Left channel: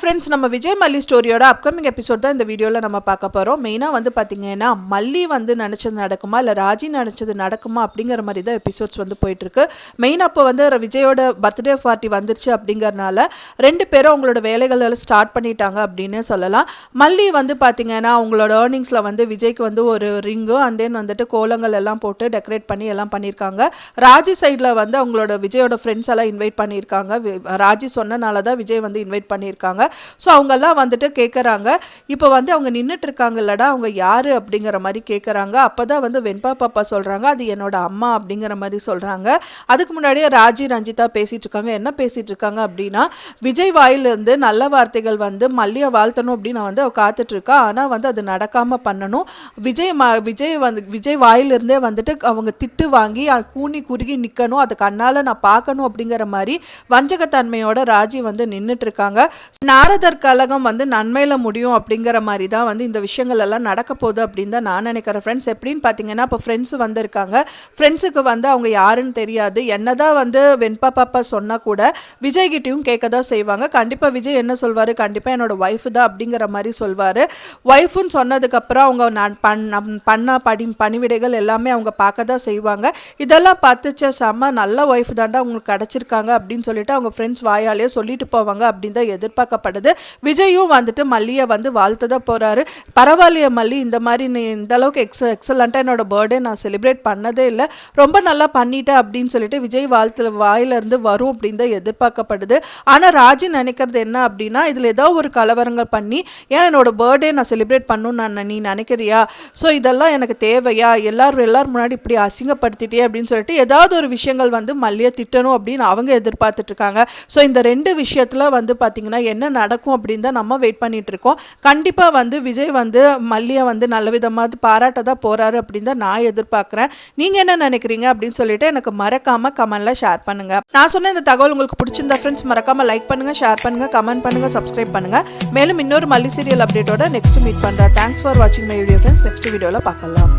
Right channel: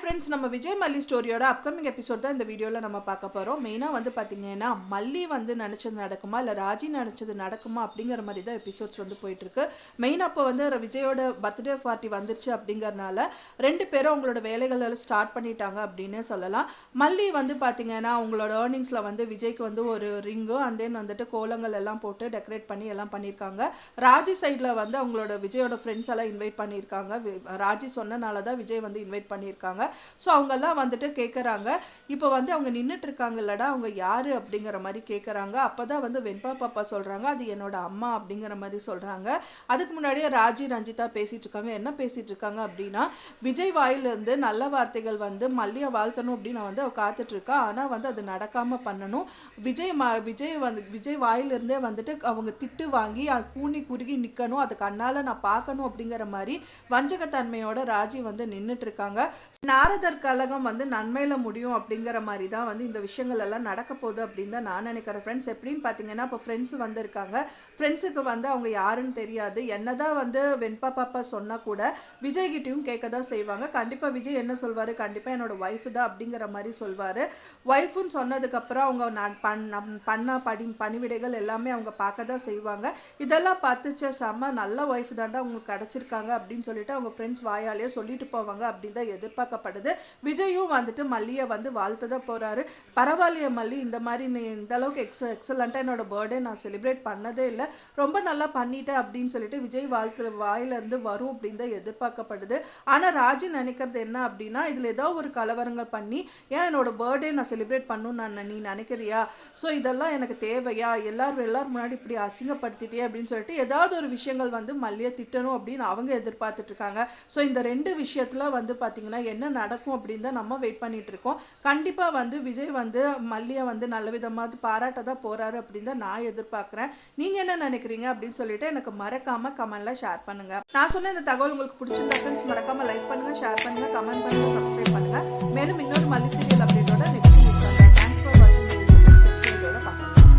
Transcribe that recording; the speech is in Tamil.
ஃப்ரெண்ட்ஸ் நம்ம விஜய் மல்லி ஸ்டோரியோட அப்கமிங் எபிசோட் தான் இந்த வீடியோவில் நம்ம பார்க்க போகிறோம் மெயினாக வந்து பார்த்தீங்கன்னா மல்லி வந்து நினச்சது நடக்குமா இல்லை ராஜி நினச்சது நடக்குமா அப்படிங்கிற மாதிரி தான் எபிசோட்ஸ் வந்து போயிட்டுருக்கு. மெயினாக அப்போ வந்து விஜயோட பர்த்டே பார்ட்டி வந்துருச்சு அப்படிங்கிறனால ரெண்டு பேரும் அவங்களோட வேலைகள் எல்லாம் ஸ்டார்ட் பண்ணிட்டாங்க அப்படின்னு சொல்லலாம். மல்லி வந்து பார்த்தீங்கன்னா அவங்களோட ஏர்னிங்ஸில் வந்து விஜய்க்கு வந்து ஒரு ரிங்கு அண்ட் தென் வந்துட்டு கோலங்கள் எல்லாம் போட்டு டெக்கரேட் பண்ணி எல்லாம் பண்ணியிருக்காங்க. ராஜி சைடில் வந்து அவங்களோட விஜயோட ஃப்ரெண்ட்ஸ் எல்லாம் இன்வைட் பண்ணியிருக்காங்க. ராஜி சொன்னனால தான் விஜய் வந்து இன்வைட் பண்ணியிருக்காங்க. ஸோ அவங்கெல்லாம் வந்துட்டு கேட்குறாங்க இப்போ வந்து அவங்க நின்றுட்டு இருக்காங்க இல்லடா அவங்க யார் அப்படிங்கிற மாதிரி கேட்குறாங்க அப்போ தான் வந்து வெண்பா பாப்பா சொல்கிறாங்க அது என்னோட அம்மா அப்படிங்கிற மாதிரி சொல்கிறாங்க அதுக்கு முன்னாடியே ராஜி ரஞ்சிதா பேசிகிட்டு இருக்காங்க என்ன பேசிகிட்டு இருக்காங்க அப்படின்னா விஜய் வாயிலிருந்து நல்ல வார்த்தைகள் வந்து மல்லியை வாழ்த்தணும் அப்படின்னு நான் வந்து அவள் காத்துட்டுருக்கான் ஆனால் வந்து அது நடக்காமல் பண்ணணும். விஜய் ம விஜய் வந்து விஜய் வாயிலிருந்தே வந்துட்டு அவங்க திட்டு வாங்கி கூனி குறுகி நிற்கணும் அது கண்ணால் நான் பார்க்கணும் அப்படிங்கிற மாதிரி வஞ்சகத்தன்மையோட ராஜி வந்து நின்றுட்டு இருக்காங்க நாரதர் கழகம் வந்து நன்மையில் முடியும் அப்படிங்கிற மாதிரி தான் வந்து இந்த விஷயங்கள் எல்லாம் நடக்க போகுது அப்படின்னு தான் நான் நினைக்கிறேன். ஃப்ரெண்ட்ஸ் எப்படின்னு பார்த்தீங்கன்னா இப்போ ஃப்ரெண்ட்ஸ் வந்திருக்காங்க. ஃப்ரெண்ட்ஸுக்கு வந்து அவங்க யாருன்னு தெரியாது. என்ன தான் வந்து வெண்பா பாப்பா சொன்னால் கூட விஜய்கிட்டையும் கேட்க தான் செய்வாங்க. கண்டிப்பாக விஜய் என்ன சொல்வார்? கண்டிப்பாக என்னோட ஒய்ஃபு தான் அப்படிங்கிற மாதிரி சொல்வார். ஒய்ஃபுன்னு சொன்னதுக்கப்புறம் அவங்க நான் பண்ண பண்ண படி பணிவிடைகள் எல்லாமே அவங்க பார்க்க தான் செய்வாங்க. இதெல்லாம் பார்த்துச்ச செம்ம நல்ல ஒய்ஃப் தாண்டா அவங்களுக்கு கிடச்சிருக்காங்க அப்படின்னு சொல்லிட்டு அவங்க ஃப்ரெண்ட்ஸ் வாயாலே சொல்லிட்டு போவாங்க அப்படின்னு தான் எதிர்பார்க்க எதிர்பார்க்கப்படுது விஜயும் வந்துட்டு மல்லியை வந்து வாழ்த்து தான் போகிறாரு பரவாயில்லையே மல்லி இந்த மாதிரி நீ இந்த அளவுக்கு எக்ஸ எக்ஸலண்ட்டாக என்னோட பர்த்டே நான் செலிப்ரேட் பண்ணதே இல்லை. ரொம்ப நல்லா பண்ணிட்டேன் அப்படின்னு சொல்லிட்டு விஜய் வாழ்த்து வாயிலிருந்து வரும் அப்படின்னு தான் எதிர்பார்க்கப்படுது. ஆனால் ராஜி நினைக்கிறது என்ன அப்படின்னா இதில் ஏதோ ஒரு கலவரங்கள் பண்ணி ஏன் என்னோட பர்த்டே நான் செலிப்ரேட் பண்ணணும்னு நான் நீ நினைக்கிறியா? ஸோ இதெல்லாம் எனக்கு தேவையா? எல்லாரும் எல்லாரும் முன்னாடி இப்படி அசிங்கப்படுத்திட்டே அப்படின்னு சொல்லிட்டு ஏதாவது ஒரு விஷயங்கள் வந்து மல்லியை திட்டணும் அப்படின்னு அவங்க எதிர்பார்த்துட்டு இருக்காங்க. ஸோ இந்த ரெண்டு விஷயத்தில் வந்து பார்த்தீங்கன்னா என்ன நடக்கும் அப்படின்னு தான் நம்ம வெயிட் பண்ணிட்டு இருக்கோம். கண்டிப்பாக வந்து விஜய் வந்து மல்லியை வந்து நல்ல விதமாக பாராட்ட தான் போகிறாரு அப்படின்னு தான் நான் எதிர்பார்க்குறேன். நீங்கள் என்ன நினைக்கிறீங்க அப்படின்னு சொல்லிட்டு எனக்கு மறக்காமல் கமெண்டில் ஷேர் பண்ணுங்கள் நான் சொன்ன இந்த தகவல் உங்களுக்கு பிடிச்சிருந்தா ஃப்ரெண்ட்ஸ் மறக்காமல் லைக் பண்ணுங்கள் ஷேர் பண்ணுங்கள் கமெண்ட் பண்ணுங்கள் சப்ஸ்கிரைப் பண்ணுங்கள் மேலும் இன்னொரு மல்லி சீரியல் அப்டேட்டோட நெக்ஸ்ட் மீட் பண்ணுறேன் தேங்க்ஸ் ஃபார் வாட்சிங் மை வீடியோ ஃப்ரெண்ட்ஸ் நெக்ஸ்ட் வீடியோவில் பார்க்கலாம்.